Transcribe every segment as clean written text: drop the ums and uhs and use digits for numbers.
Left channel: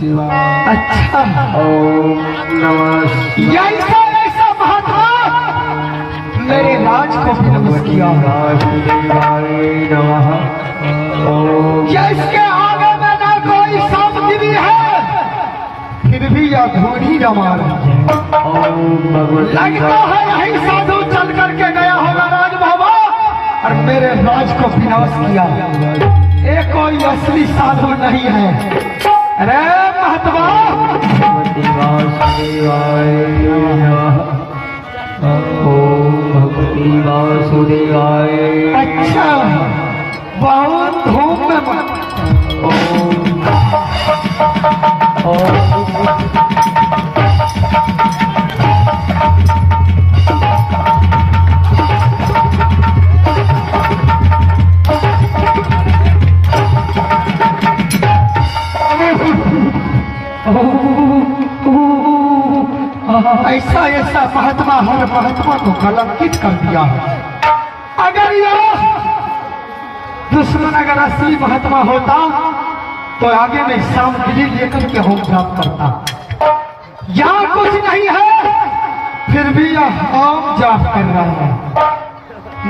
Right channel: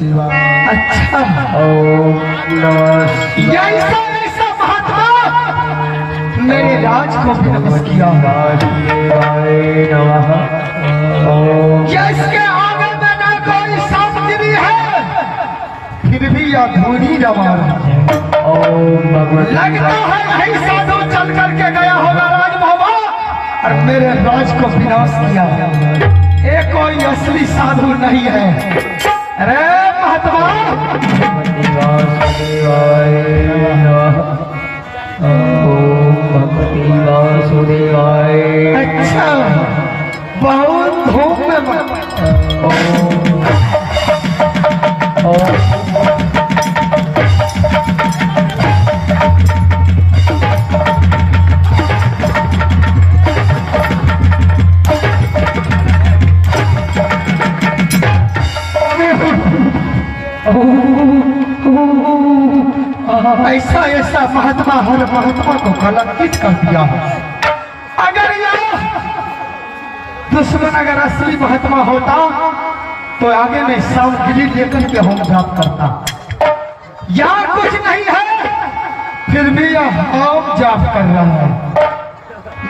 शिवाय। अच्छा, ओम नमः शिवाय। ऐसा महात्मा मेरे राज को विनाश किया। शिवाय नमः। ओम क्या इसके आगे में ना कोई सामग्री है, फिर भी अधूरी रवा रही है। ओम भगवती लगता है यही साधु चल करके गया होगा राजभवन और मेरे राज को विनाश किया। ये कोई असली साधु नहीं है। अरे महात्मा, भगवती वासुदेवाय नमः। ओम भगवती वासुदेवाय। अच्छा बहुत धूम में मत। ऐसा ऐसा महात्मा हर महात्मा को कलंकित कर दिया है। अगर यह दुश्मन अगर असली महात्मा होता तो आगे में सामग्री लेकर के हम जाप करता। यहाँ कुछ नहीं है, फिर भी यह हम जाप कर रहा है।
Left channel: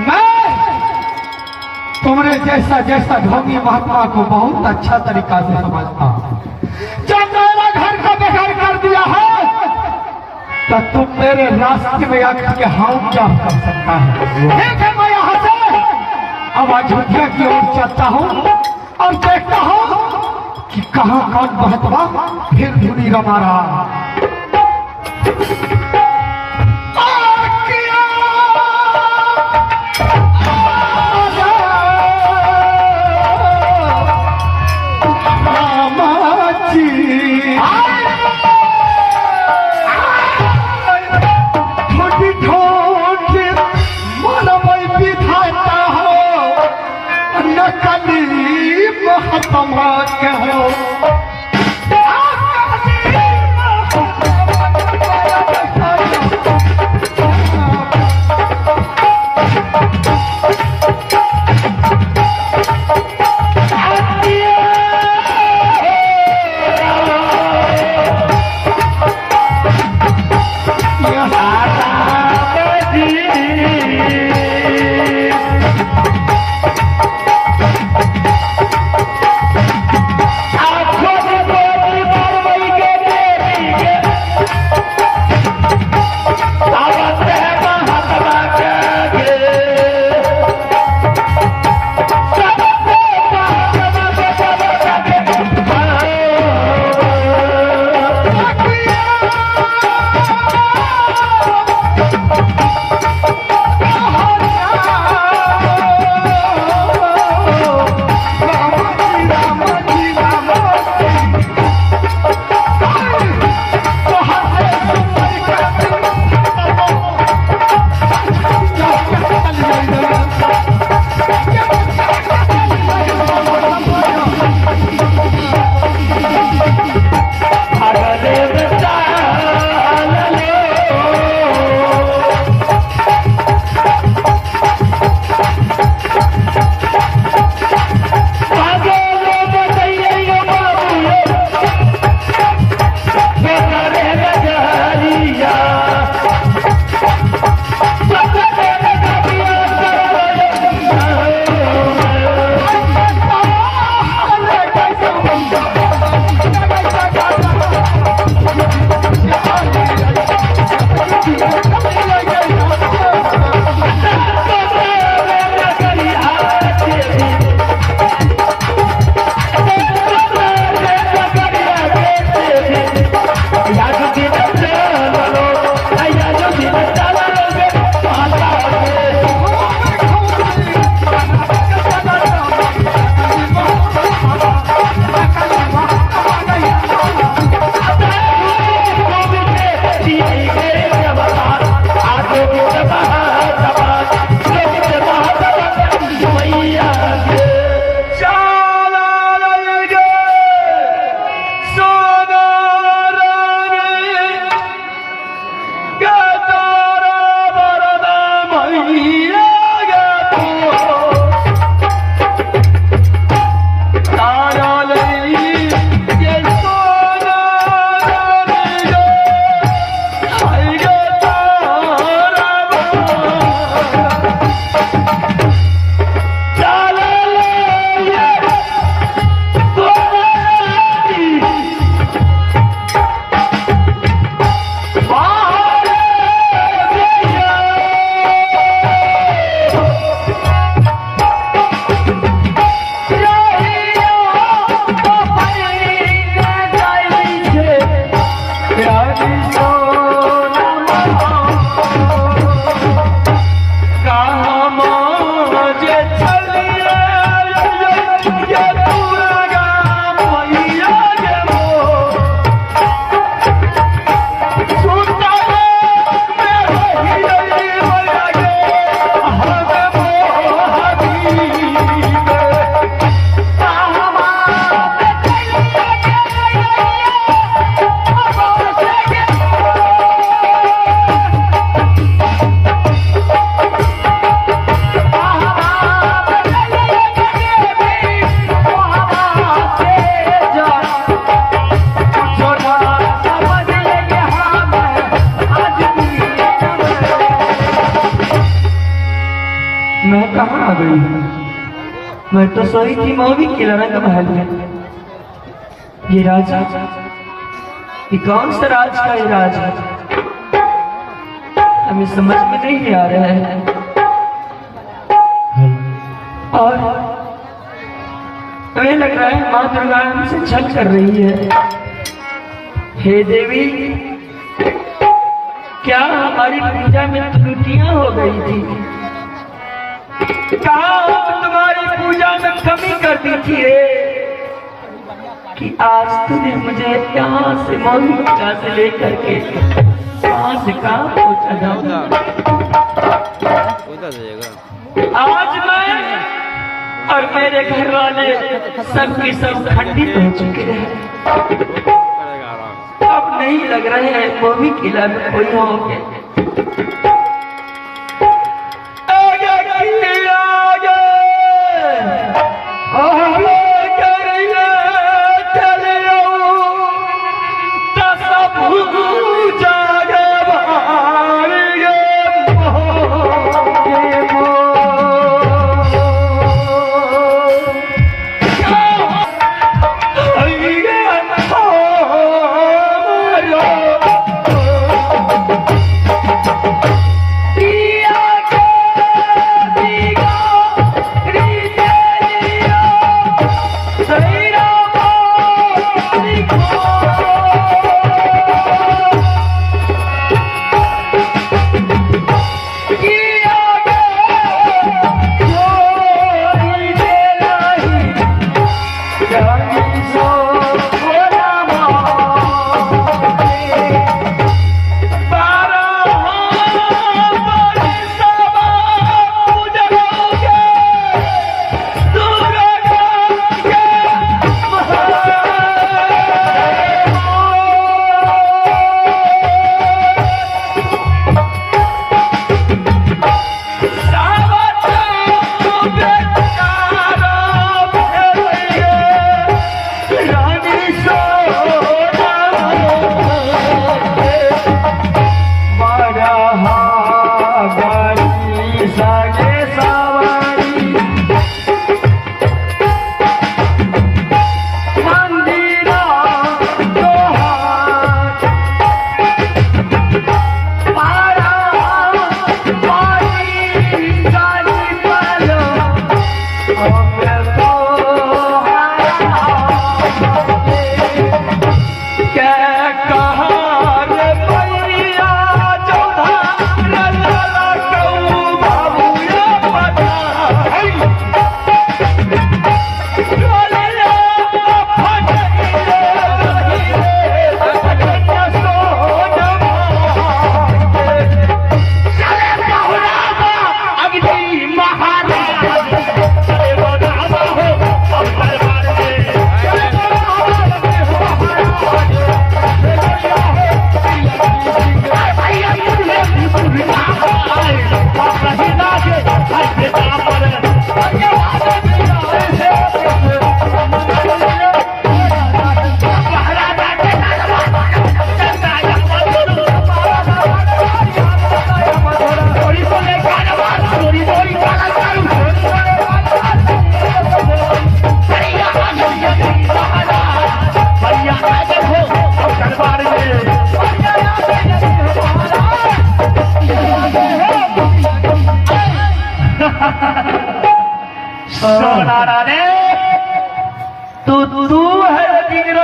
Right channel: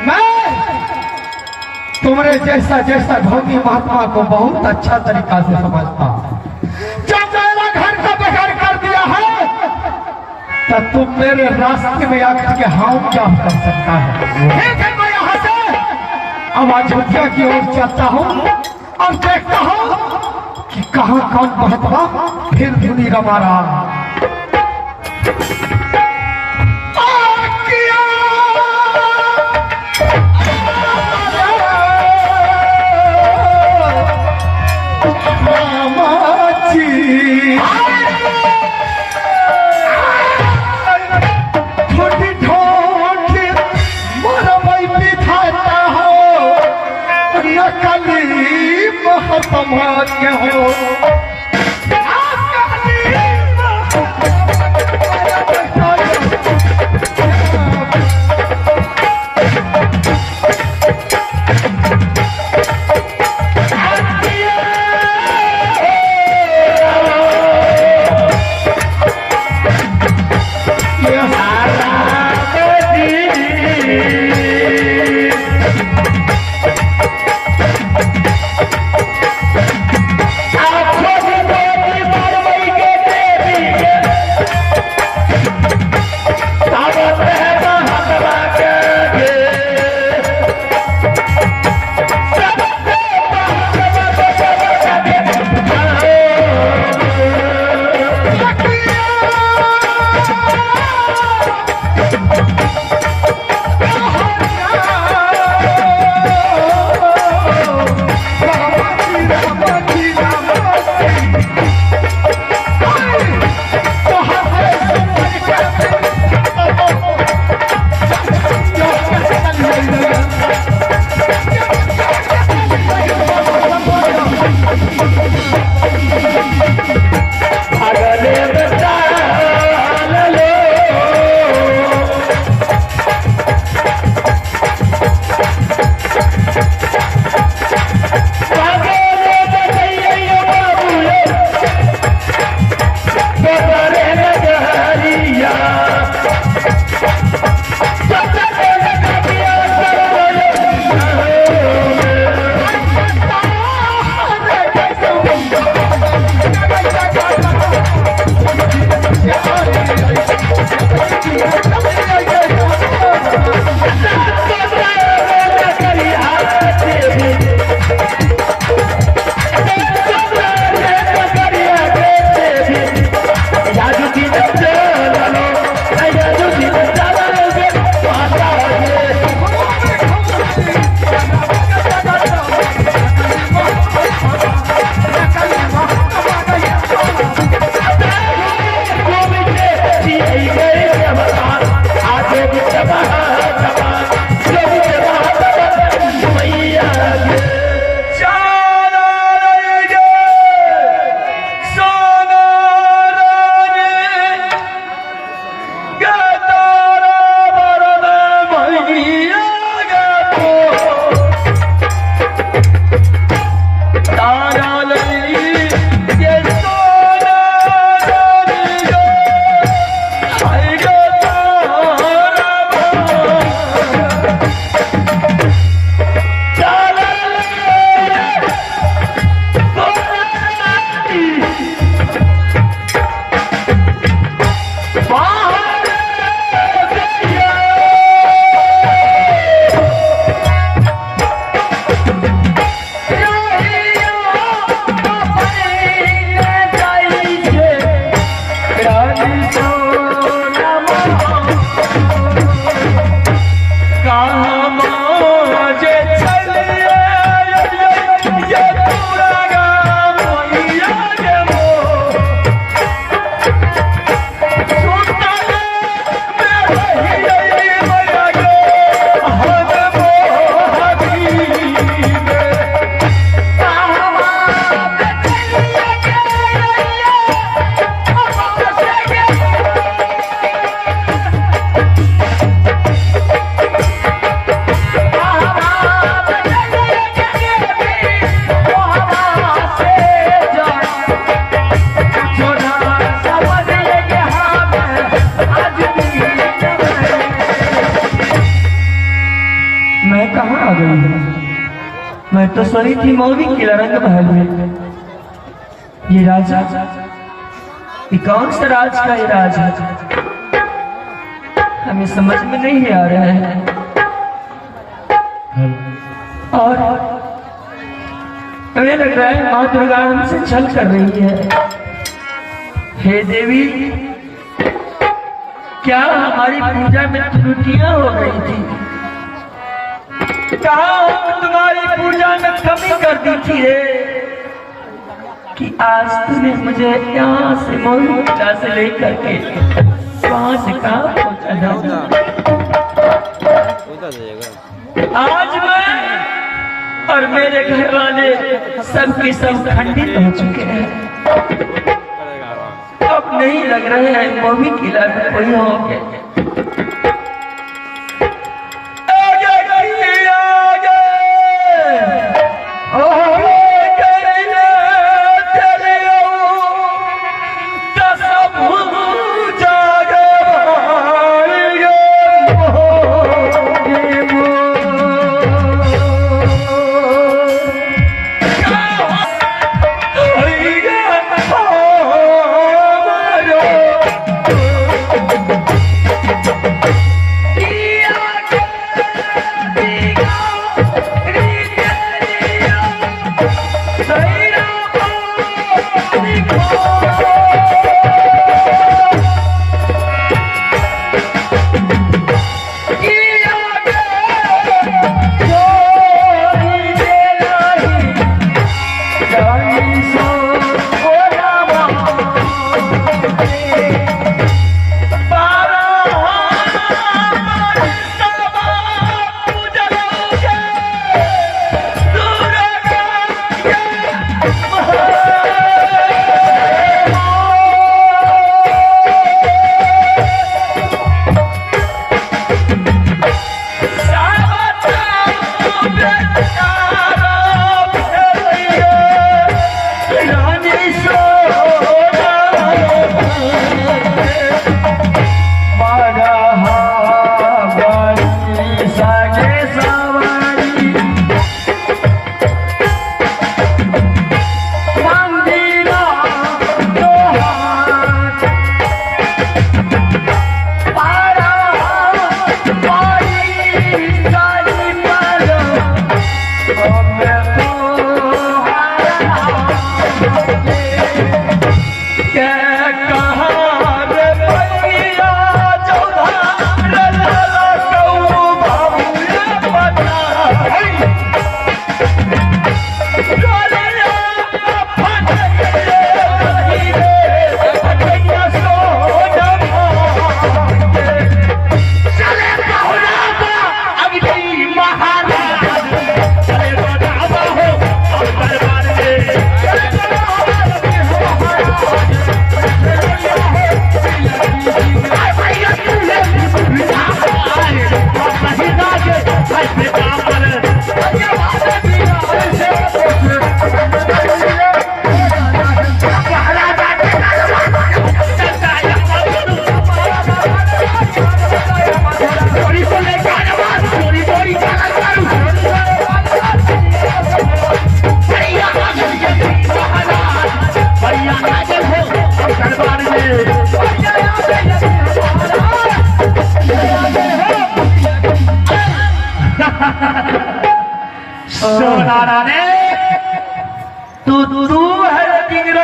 मैं तुम्हारे जैसा जैसा ढोंगी महात्मा को बहुत अच्छा तरीका से समझता हूँ। जब मेरा घर का बेकार कर दिया है तो तुम मेरे रास्ते में आकर के हम जाप कर सकता है। ठीक है, मैं यहाँ से अब अयोध्या की ओर चलता हूँ और देखता हूँ कि कहाँ कौन महात्मा फिर धुनी रमा रहा। आ गई है? मैं तो सोई थी मौवी के रंग महल में। ये राजा, ये कौन सा राज का ये राज है? हमें समझ में नहीं आ रहा है। और हमें लग रहा है माँ दुर्गा हमसे छल कर रही है। हे देवी, क्या हमारी पूजा में त्रुटियां हो गई थी? कहा तुम्हारी पूजा में कमी कर दी थी कि आज तूने मुझे यहाँ से मौली किला से लेकर के कहाँ से कहाँ पहुँचा? आज मैं और मेरे घर वाले सबके सब खंडित हो चुके हैं। अब नहीं लग रहे हैं मौली किला में कोई होंगे।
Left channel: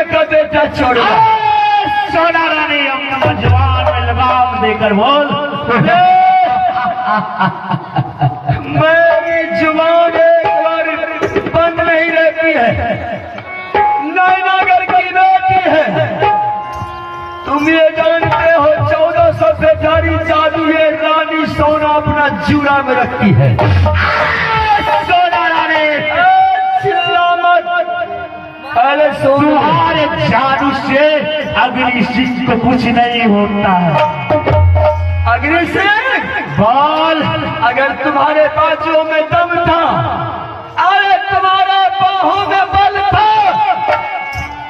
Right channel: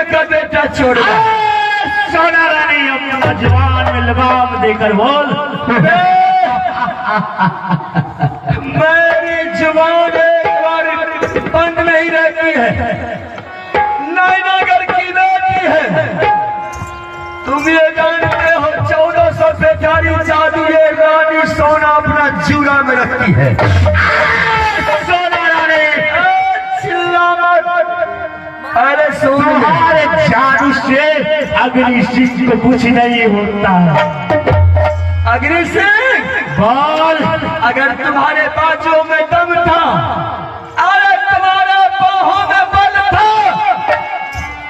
का बेटा छोड़ सोना रानी अपना जवान में लगाम देकर बोल मेरी जुबान एक बार बंद नहीं रहती है। नैनागर की बेटी है, तुम ये जानते हो 1400 बेचारी जादू ये रानी सोना अपना जूरा में रखती है। सोना रानी अरे तुम्हारे जादू से अग्नि सिंह को कुछ नहीं होता है। अग्नि सिंह बोल, अगर तुम्हारे बाजू में दम था, अरे तुम्हारे बाहों में बल था,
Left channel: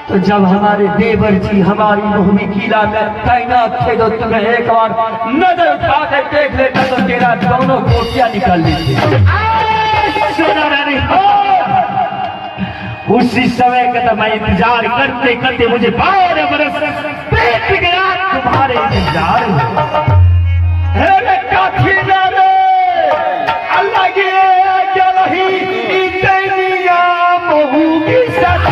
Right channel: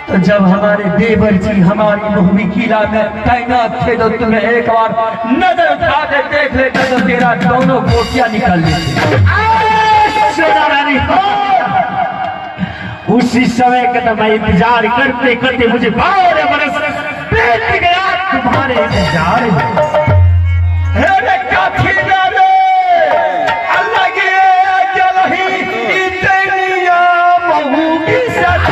तो जब हमारे देवर जी हमारी मोहनी किला में तैनात थे तो तुम्हें एक बार नजर उठा के देख लेता तो तेरा दोनों कोटियां निकल लेती। सोना रानी उसी समय का तो मैं इंतजार करते करते मुझे 12 बरस बीत गया तुम्हारे इंतजार में। हे काफी रे अल्लाह के क्या रही तेरिया महू की सत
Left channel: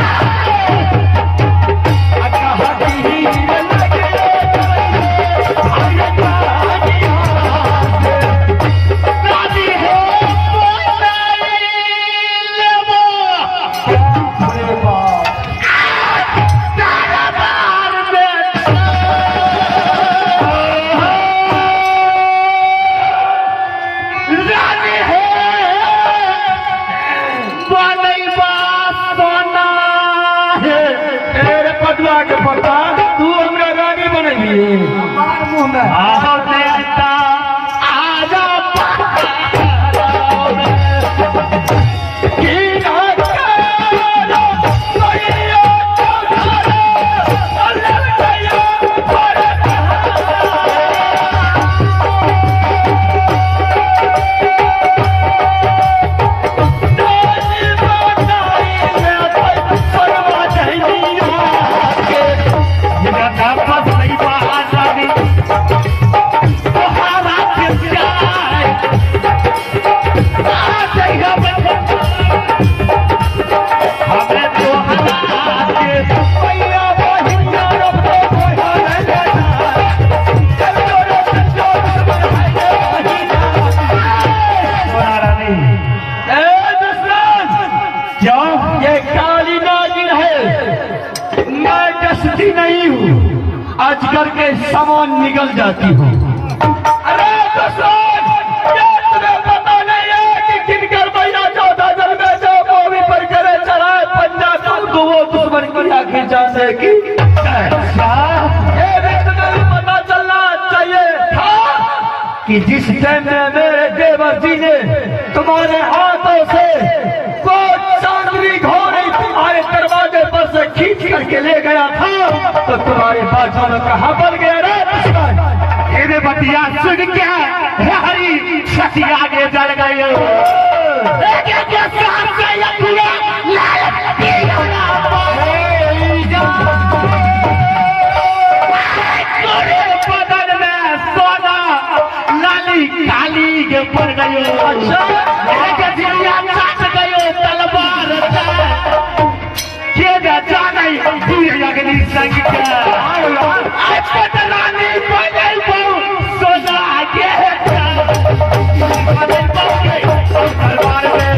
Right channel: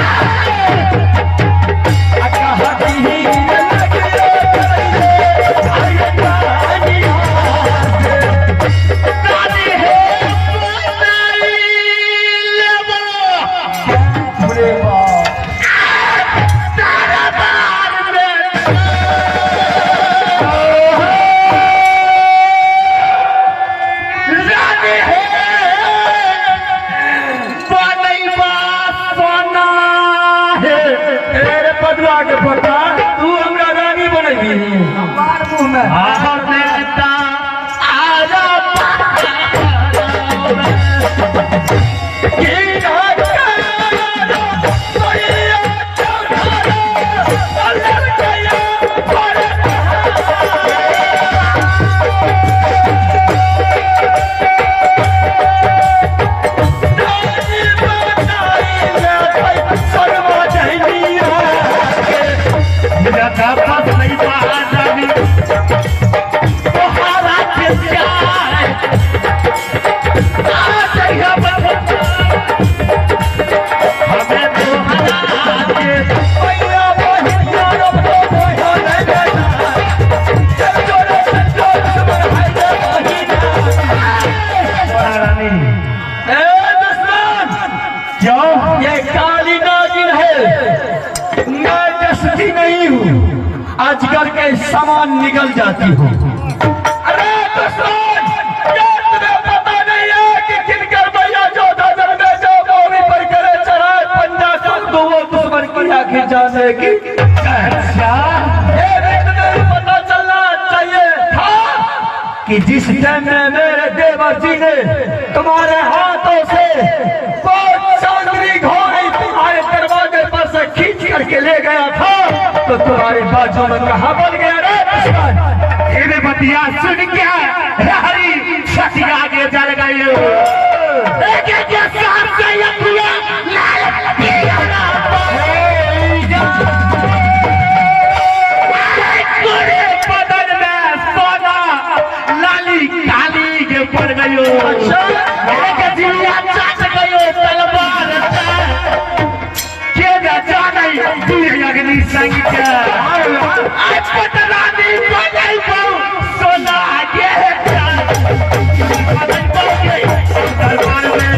तू हमरा रानी बनेगी नहीं हूँ अजगर के समान निकल जाती हूँ। अरे तुम्हें पता नहीं है कि किनकर भैया 14 जन्मे जो मौवी पर करे चढ़ाए पंजा तो वो दुश्मन की आखिर जाने की ये भी तुम्हें पता चलना चाहिए था कि जिस टाइम में मेरे देवर जी ने तुम्हारे हाथों से वो चांदनी घोड़ी तुम्हारे दरवाजे पर से खींच करके ले गया था तो तुम्हारे बाजू में कहाँ बन गया रे दुश्मन। ये बतिया सुन क्या हरी छठी आगे जल गई बदन में सोना लाली काली के पड़ गयो तू अग्नि संख्या सोना आगे दरबार में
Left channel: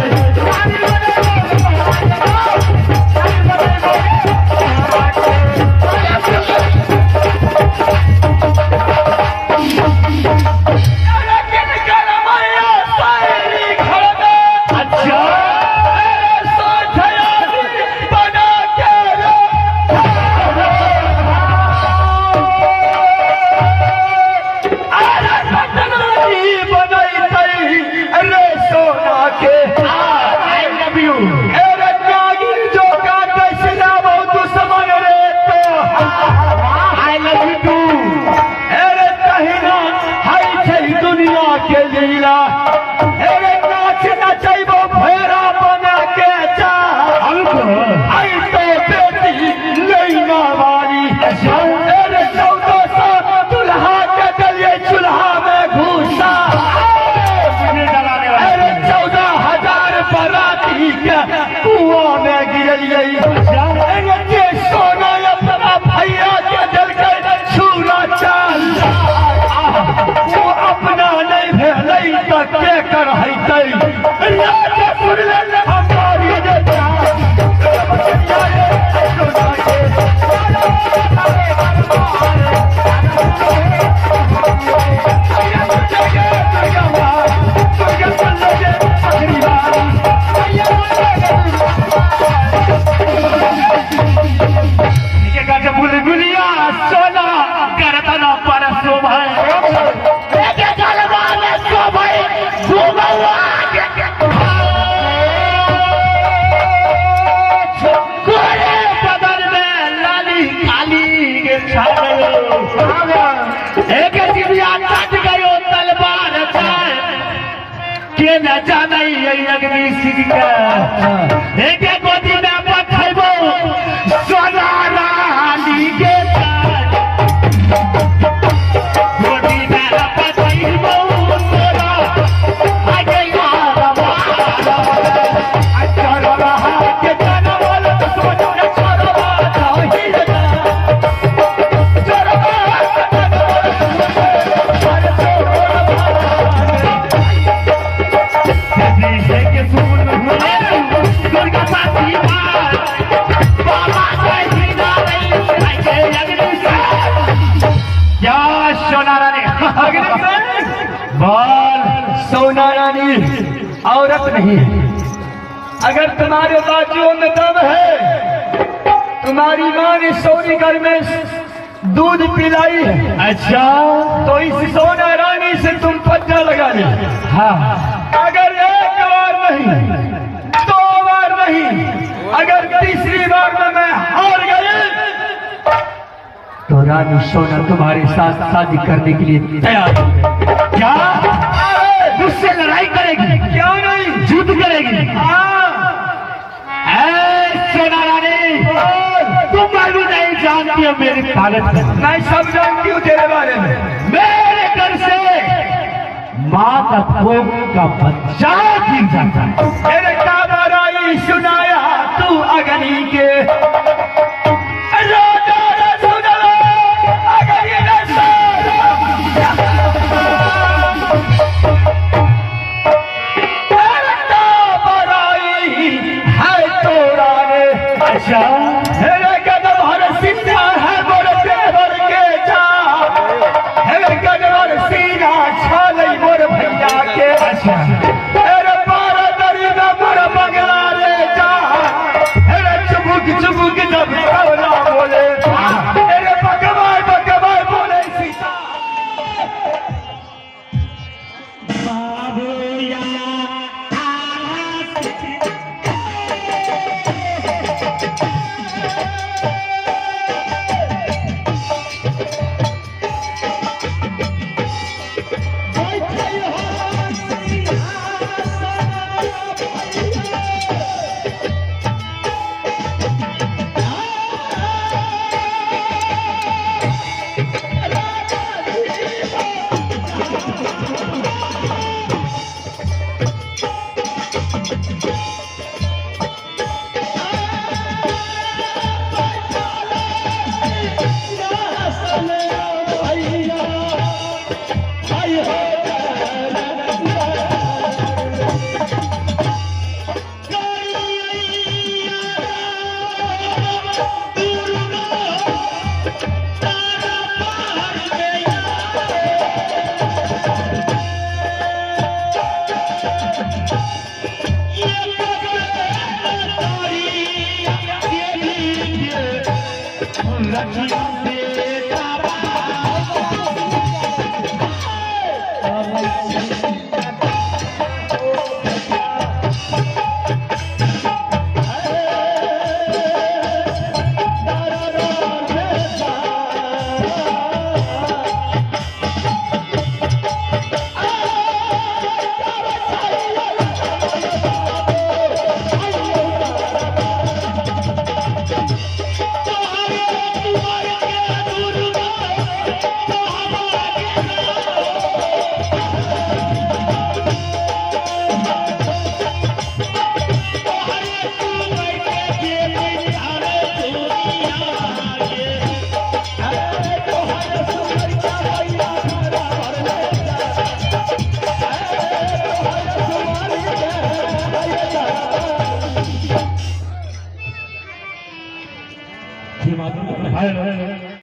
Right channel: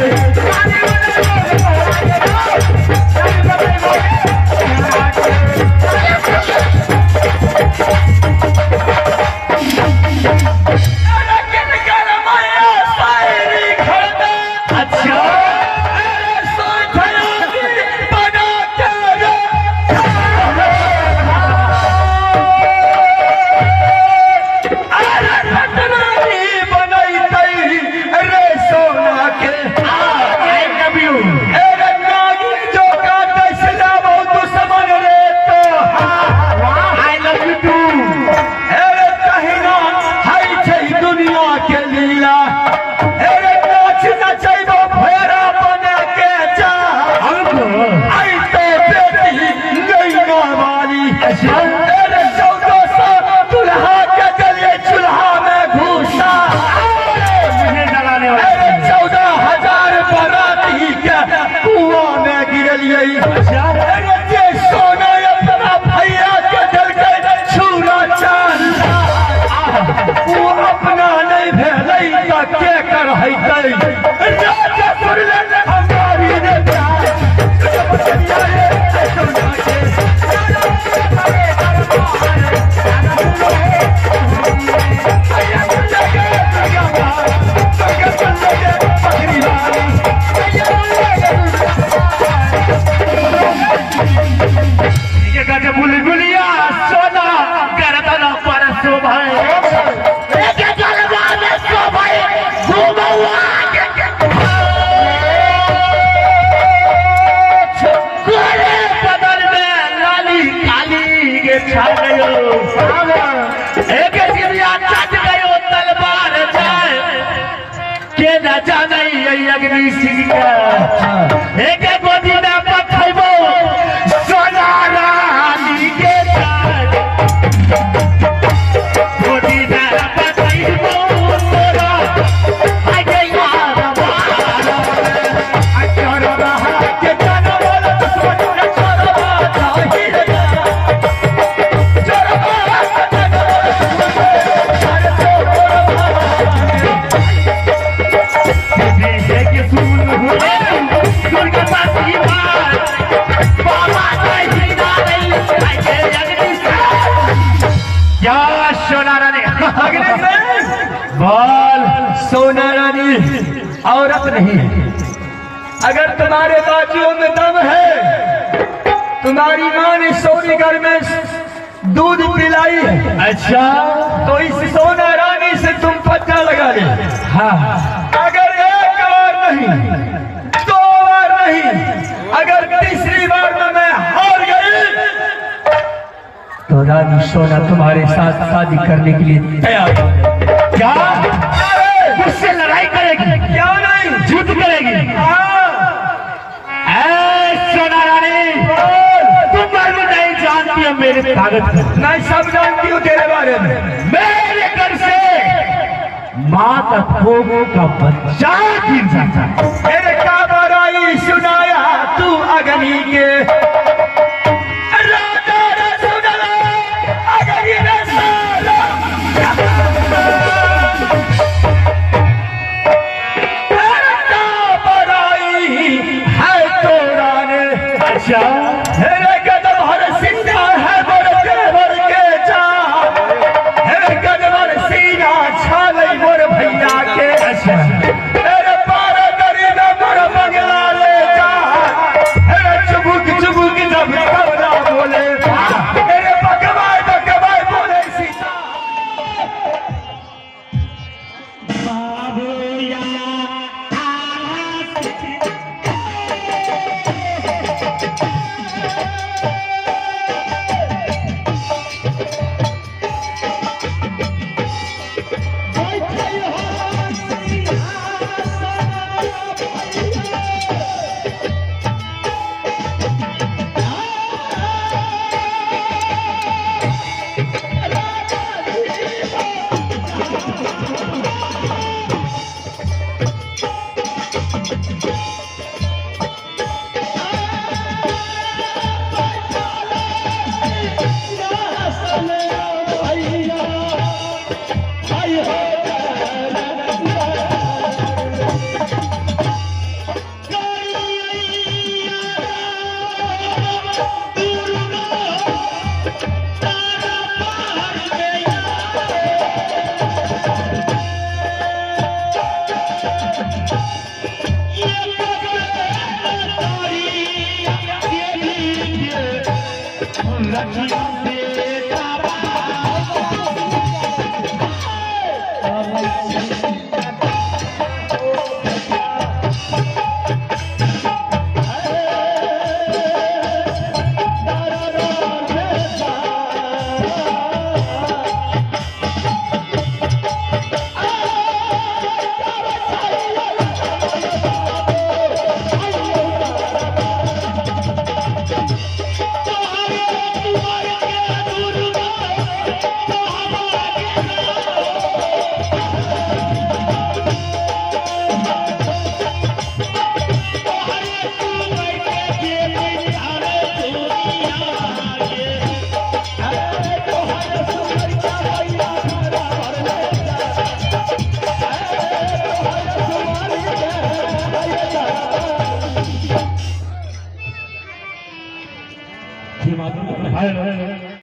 के न जाना ये अग्नि सिंह का एक गोदी में पठैबो सोना रानी के गोदी में पठैबो तोरा आगे यार के जानो वाला तो सोच छोड़ो नहीं बाल सोना रानी औरत नहीं। अगर तुम्हारे बाजुओं में दम है, तुम्हारी माँ ने सोनी घर में दूध पिलाई है, अच्छा तो इस सोना रानी से तुम पत्ता लगा ले। हाँ अगर एक बार नहीं, दो बार नहीं, अगर तीसरी बार में मैं हार गई तो रानी सोना तुम्हारे साथ शादी करने के लिए तैयार है। क्या मुझसे लड़ाई करेगी? क्यों नहीं, जीत करेगी। सोना रानी तुम नहीं जानती हो मेरे ताकत को। मैं सब जानती हूँ तेरे बारे में। मेरे घर से माँ का खोगों का बच्चा गिर जाता है। मेरे का बराई सुनाया तू अग्नि के